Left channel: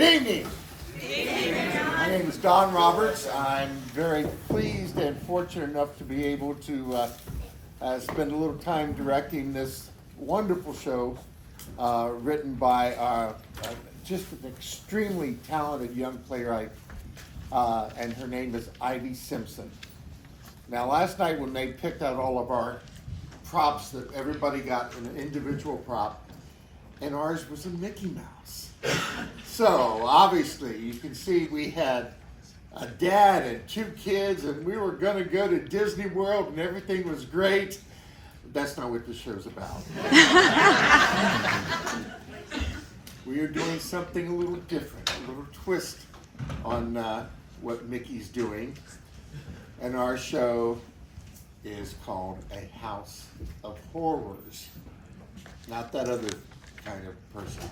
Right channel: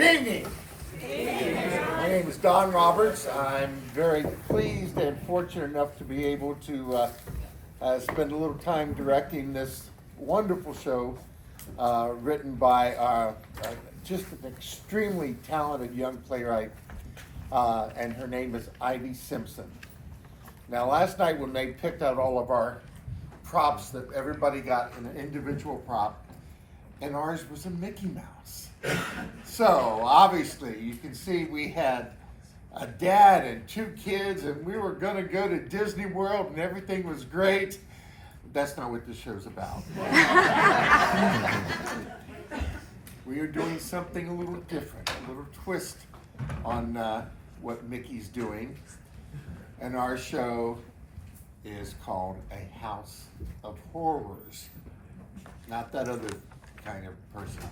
Good evening. My name is Don Roberts. I'm very pleased and fortunate enough to be able to spend a little time directing this wonderful show written by just an extremely talented young playwright, and her name is Ivey Simpson. Now, last night when they picked out all of our props, that everybody got an individual prop, and ours was a Mickey Mouse. So obviously you can see we had a dad and 2 kids, and we were gonna go to Disney World and everything was great. But that's not what this show's about. We are doing something a little different, a little twist on what Mickey's doing. And our show is called A House of Horrors. Not that other kind of person,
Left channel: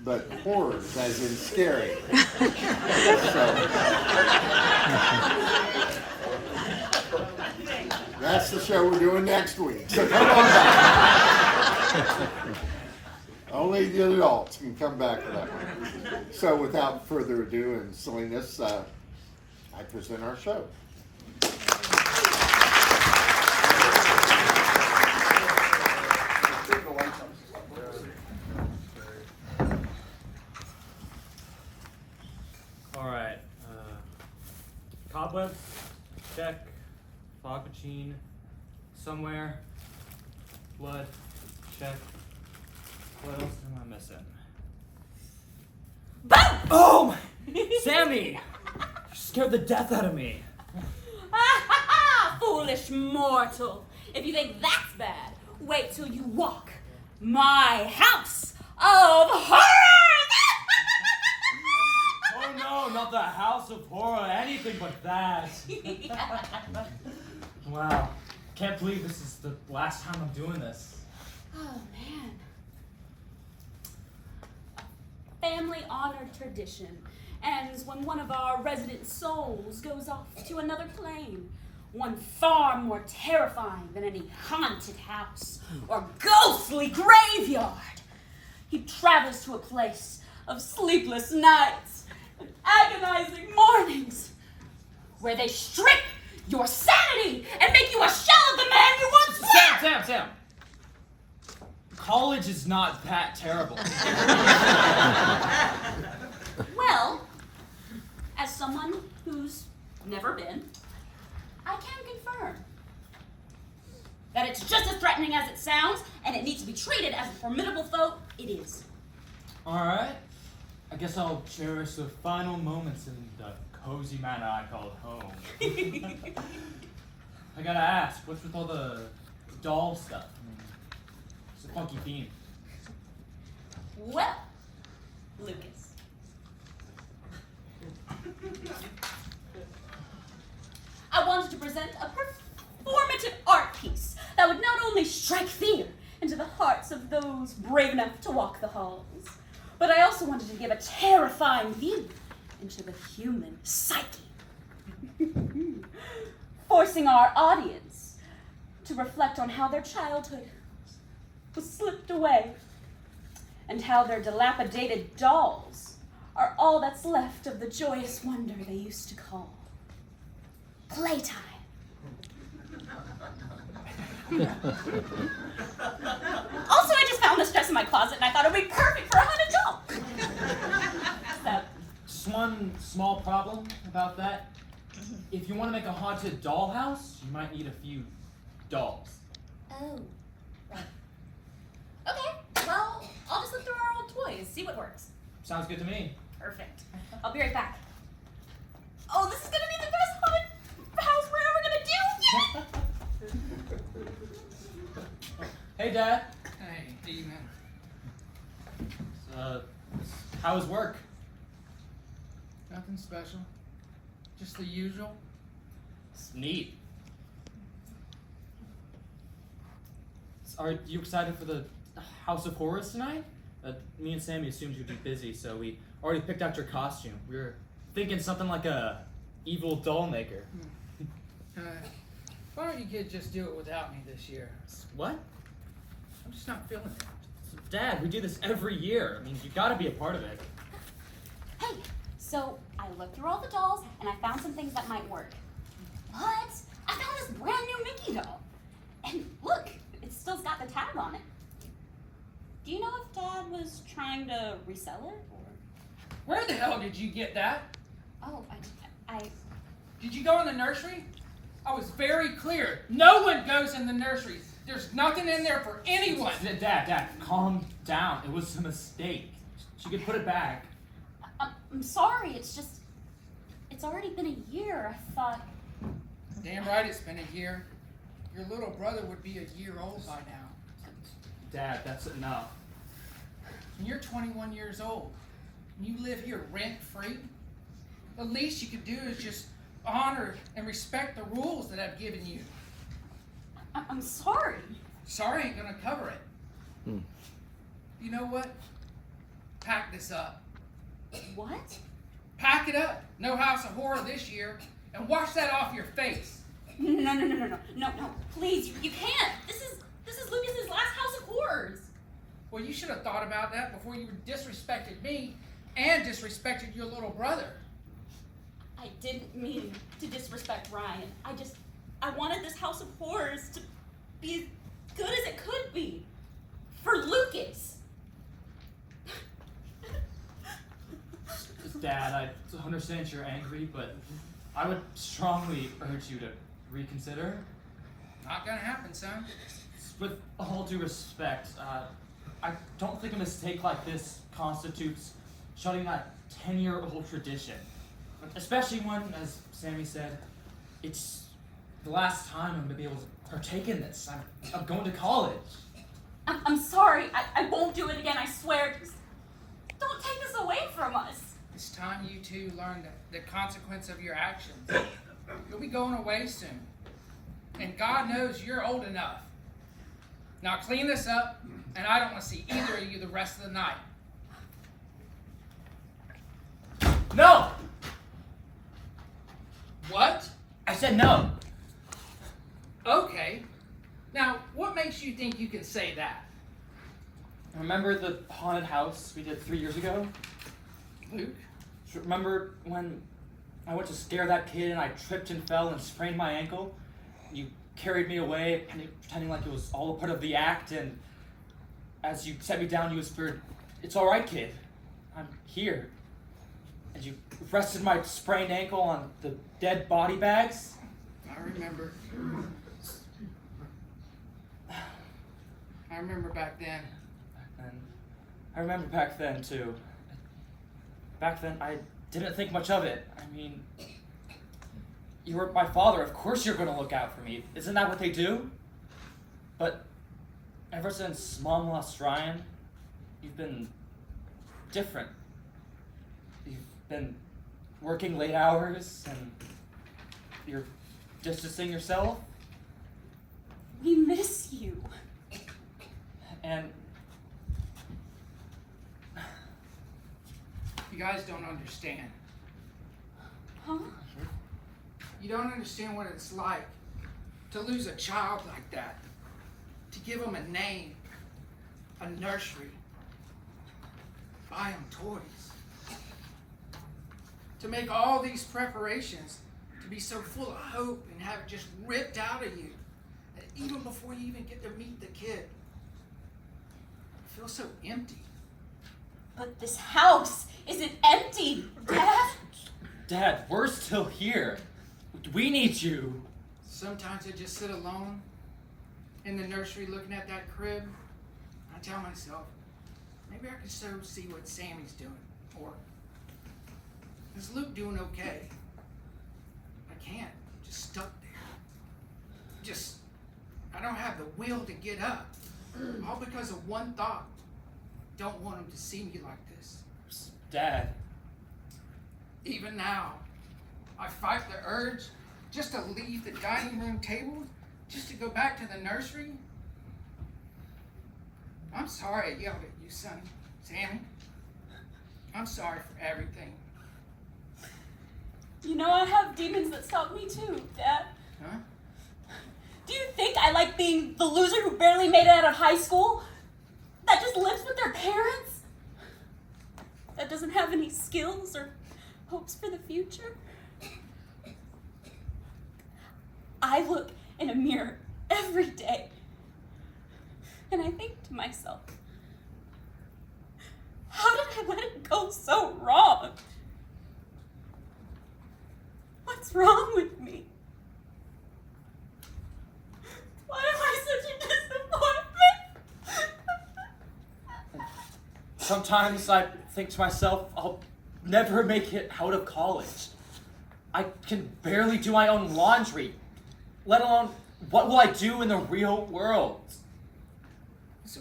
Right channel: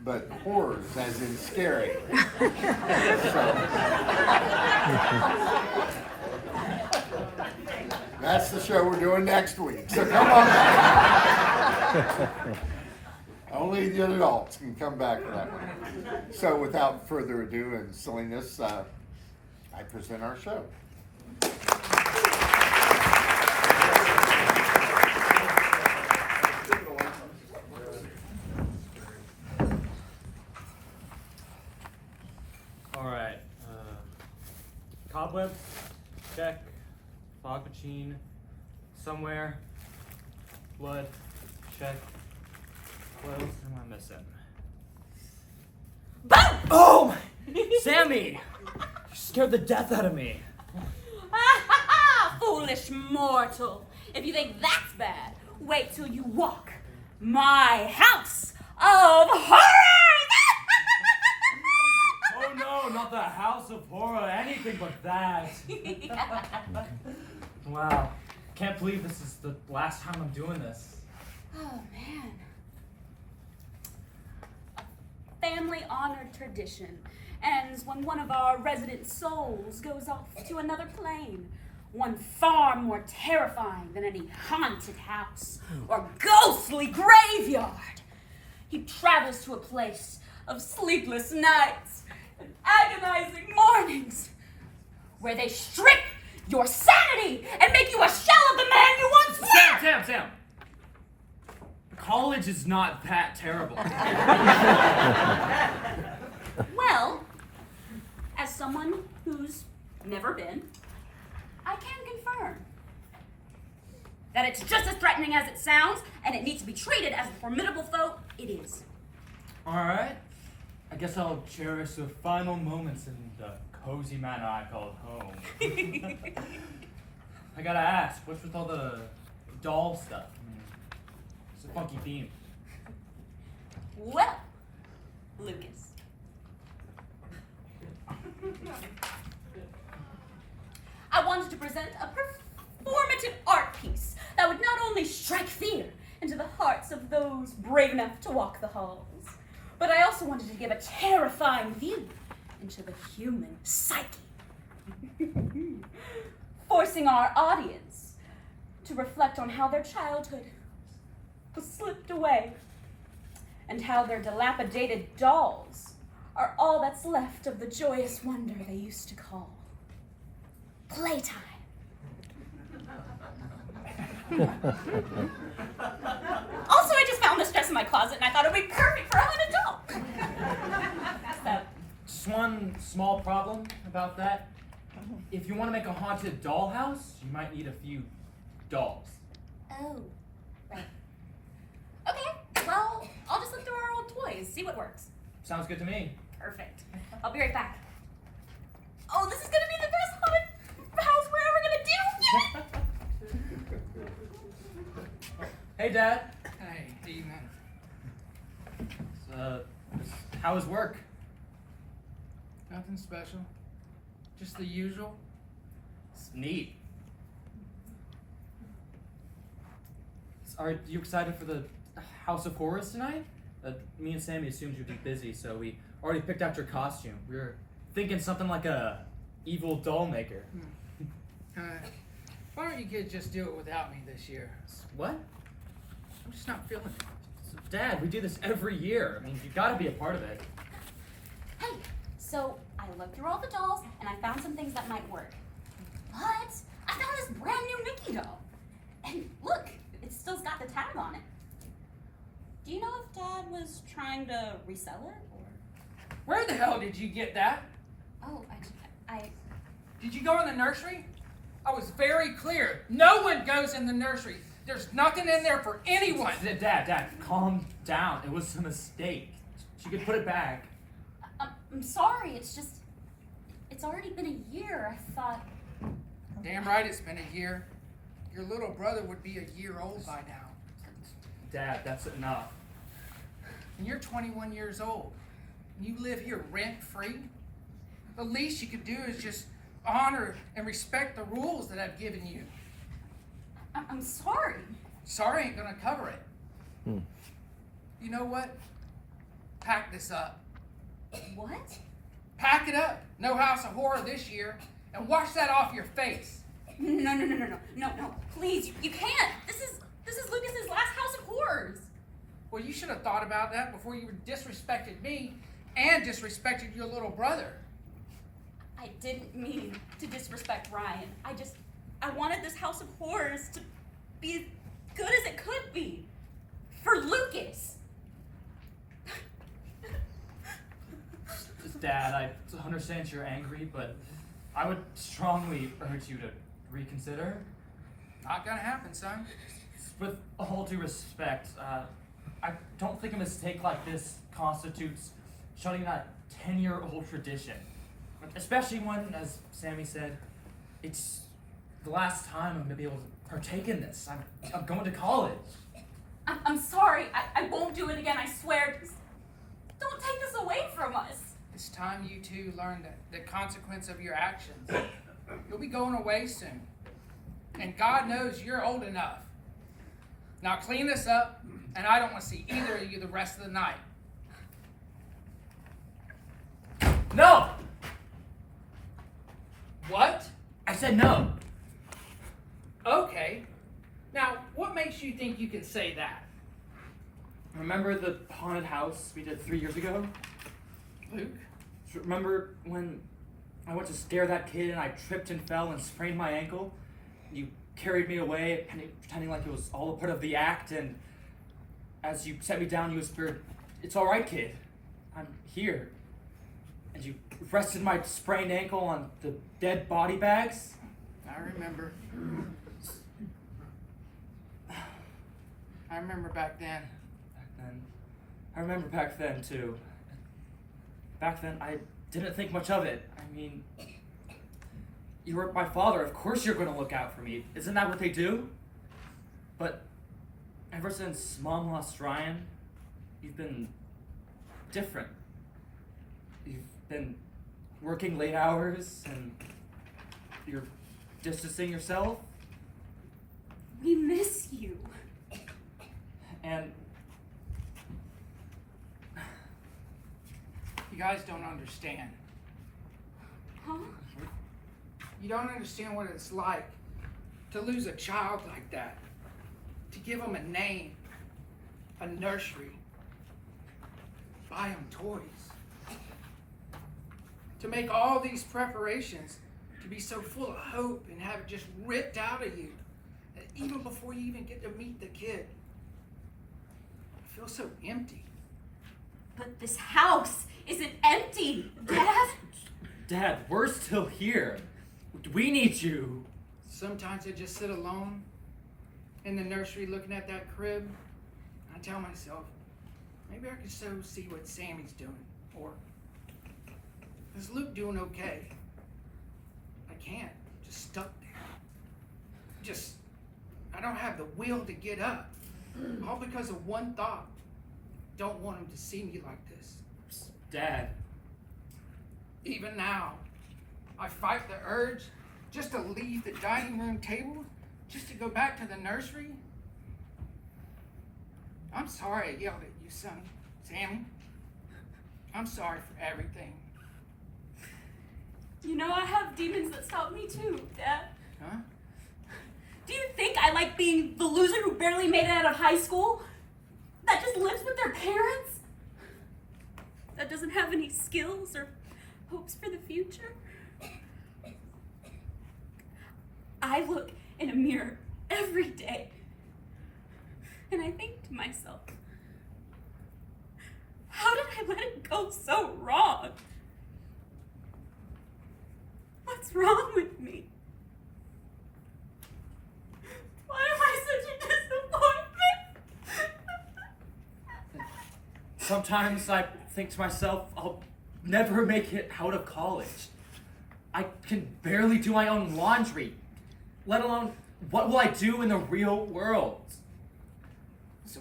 but horrors as in scary. So that's the show we're doing next week. So come on back. Only the adults can come back for that one. So without further ado and silliness, I present our show. Alright, cobwebs, check, fog machine, somewhere, blood, check, what else am I missing? Boom! Oh! Sammy! You scared the death out of me. Foolish mortal. If you think that's bad, wait till you walk my house of horrors! Oh no, not the house of horror, anything but that. Wow, can't believe this is the last time I'm doing this. Oh man. A family-honored tradition ends when one of our resident souls goes off to another plane. One far more terrifying than any haunted house or ghostly graveyard. He travels to a place of sleepless nights and agonizing mornings, where they strip your sanity and make you a shell of the man you once were. Sam! College is not that terrible. Well, as someone who's never been, I can confirm that it's just as threatening as it sounds, and it needs to be treated as the formidable foe it is. Alright, I guess I'll cherish the final moments in the cozy manor I call home. I gotta ask, what's with all the doll stuff? It's a funky theme. Well, Lucas. I wanted to present a performative art piece that would not only strike fear into the hearts of those brave enough to walk the halls, but I also wanted to give a terrifying view into the human psyche, forcing our audience to reflect on how their childhood was slipped away and how their dilapidated dolls are all that's left of the joyous wonder they used to call playtime. Also, I just found this dress in my closet and I thought it would be perfect for a haunted doll. So, Just one small problem about that. If you want to make a haunted dollhouse, you might need a few dolls. oh, right. Okay, well, I'll just look through our old toys, see what works. Sounds good to me. Perfect. I'll be right back. Oh, this is gonna be the best haunted house we're ever gonna do! Yeah! Hey, Dad. Hey, evening. How was work? Nothing special. Just the usual. It's neat. Are you excited for the House of Horrors tonight? Me and Sammy assumed you'd be busy, so we already picked out your costume. We were thinking something like a evil doll maker. Why don't you kids just do it without me this year? What? I'm just not feeling it. Dad, we do this every year. I mean, you gotta be a part of it. Hey, So I looked through all the dolls and I found some things that might work. But I found this brand new Mickey doll. And look, it still's got the tag on it. Do you know if Dad was trying to resell it or? Where the hell did you get that? Oh, I Did you go in the nursery? I was very clear. No one goes in the nursery. There's nothing in there for anyone. Dad, calm down. It was a mistake. She could put it back. I'm sorry. It's already been a year. I thought. Damn right it's been a year. Your little brother would be a year old by now. Dad, that's enough. And you're 21 years old. And you live here rent-free. The least you could do is just honor and respect the rules that I've given you. I'm sorry. Sorry ain't gonna cover it. You know what? Pack this up. What? Pack it up. No House of Horror this year. And wash that off your face. No. Please, you can't. This is Lucas's last House of Horrors. Well, you should have thought about that before you disrespected me and disrespected your little brother. I didn't mean to disrespect Ryan. I wanted this House of Horrors to be as good as it could be. For Lucas. Dad, I understand you're angry, but I would strongly urge you to reconsider. Not gonna happen, son. With all due respect, I don't think a mistake like this constitutes shutting that 10-year-old tradition. Especially when, as Sammy said, it's the last time I'm gonna be able to partake in this. I'm going to college. I'm sorry. I won't do it again, I swear. Just don't take this away from us. It's time you two learn the consequence of your actions. You'll be going away soon. And God knows you're old enough. Now clean this up, and I don't want to see either of you the rest of the night. No! What? I said no. Okay. Now, what makes you think you can say that? Remember the haunted house we did 3 years ago? Luke? Remember when I went to scare that kid and I tripped and fell and sprained my ankle? You carried me away, pretending like it was all a part of the act, and as you set me down, you whispered, "It's all right, kid. I'm here." And you rested my sprained ankle on the dead body bags. I remember. I remember back then. I remember back then, too. Back then, I didn't think much of it. I mean, you were my father. Of course you're going to look out for me. Isn't that what they do? But ever since Mom lost Ryan, you've been different. You've been working late hours, and you're distancing yourself. We miss you. And You guys don't understand. Huh? You don't understand what it's like to lose a child like that. To give them a name, a nursery, buy them toys. To make all these preparations, to be so full of hope and have it just ripped out of you. And even before you even get to meet the kid. I feel so empty. But this house isn't empty, Dad. Dad, we're still here. We need you. Sometimes I just sit alone in the nursery looking at that crib. I tell myself, maybe I could so see what Sammy's doing. Or, is Luke doing okay? I can't. Just stuck there. I don't have the will to get up. All because of one thought. Don't want him to see me like this. Dad. Even now, I fight the urge just to leave the dining room table, just to go back to the nursery. I'm sorry I yelled at you, son. Sammy, I'm sorry for everything. You know I have demons that stop me too, Dad. Huh? Do you think I like being the loser who barely made it out of high school? That just lives with their parents? That doesn't have any skills or hopes for the future. I look in a mirror every day and I think to myself, how did I let it go so wrong? What's wrong with me? Why am I such a disappointment? Sometimes I think to myself, I'll never make it out of college. I can barely do my own laundry, let alone what will I do in the real world? So,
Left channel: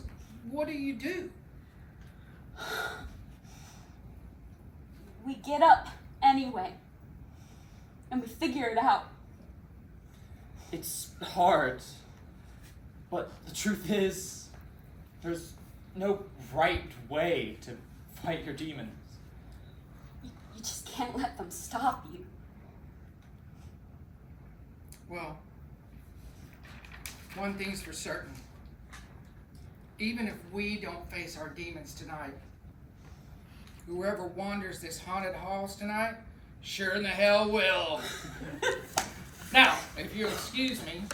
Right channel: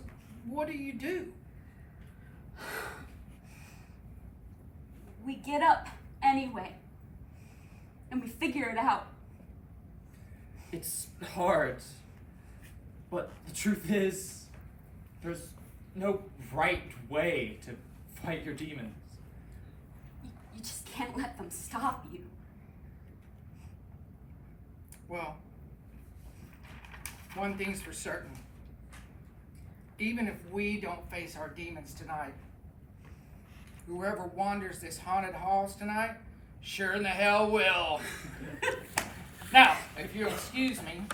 what do? We get up anyway, and we figure it out. It's hard, but the truth is, there's no right way to fight your demons. You just can't let them stop you. Well, one thing's for certain. Even if we don't face our demons tonight, whoever wanders this haunted halls tonight, sure in the hell will. Now, if you'll excuse me,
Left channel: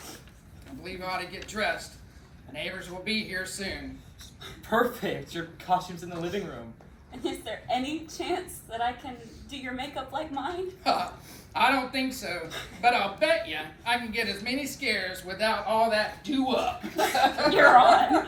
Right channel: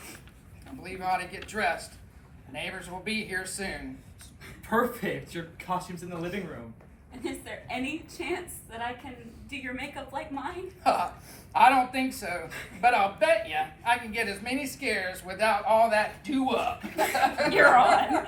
I believe I ought to get dressed. The neighbors will be here soon. Perfect, your costume's in the living room. And is there any chance that I can do your makeup like mine? I don't think so, but I'll bet you I can get as many scares without all that do-up. You're on.